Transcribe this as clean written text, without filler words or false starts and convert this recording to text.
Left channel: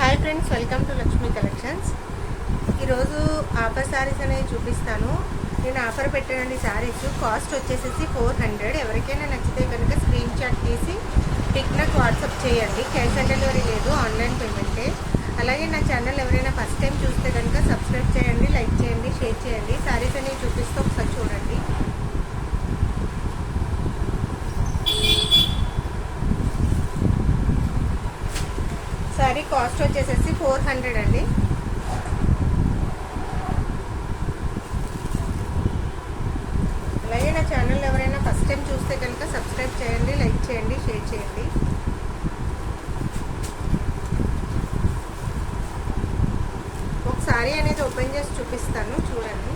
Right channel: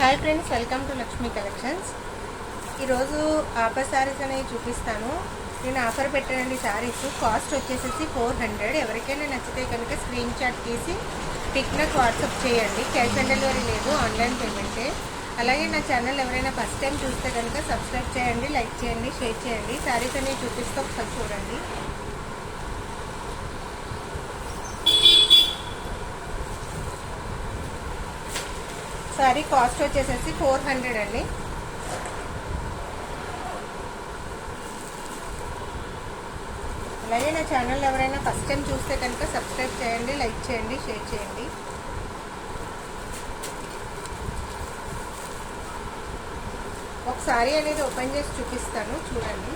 Hi friends, welcome to Lakshmi కలెక్షన్స్. ఈరోజు ఆఫర్ శారీస్ అనేవి చూపిస్తాను. నేను ఆఫర్ పెట్టానండి. శారీస్ కాస్ట్ వచ్చేసేసి 400. ఎవరికైనా నచ్చితే కనుక స్క్రీన్ షాట్ తీసి పిక్ నాకు వాట్సాప్ చేయండి. క్యాష్ ఆన్ డెలివరీ లేదు, ఆన్లైన్ పేమెంటే. అలాగే నా ఛానల్ ఎవరైనా ఫస్ట్ టైం చూస్తే కనుక సబ్స్క్రైబ్ చేయండి, లైక్ చేయండి, షేర్ చేయండి. శారీస్ అనేవి చూపిస్తూ ఒకసారి చూడండి. సారీ కాస్ట్ వచ్చేసేసి 400 అండి. అలాగే నా ఛానల్ ఎవరైనా ఫస్ట్ టైం చూస్తే కనుక సబ్స్క్రైబ్ చేయండి, లైక్ చేయండి, షేర్ చేయండి. ఒక సారీ అనేది ఓపెన్ చేసి చూపిస్తాను, చూడండి.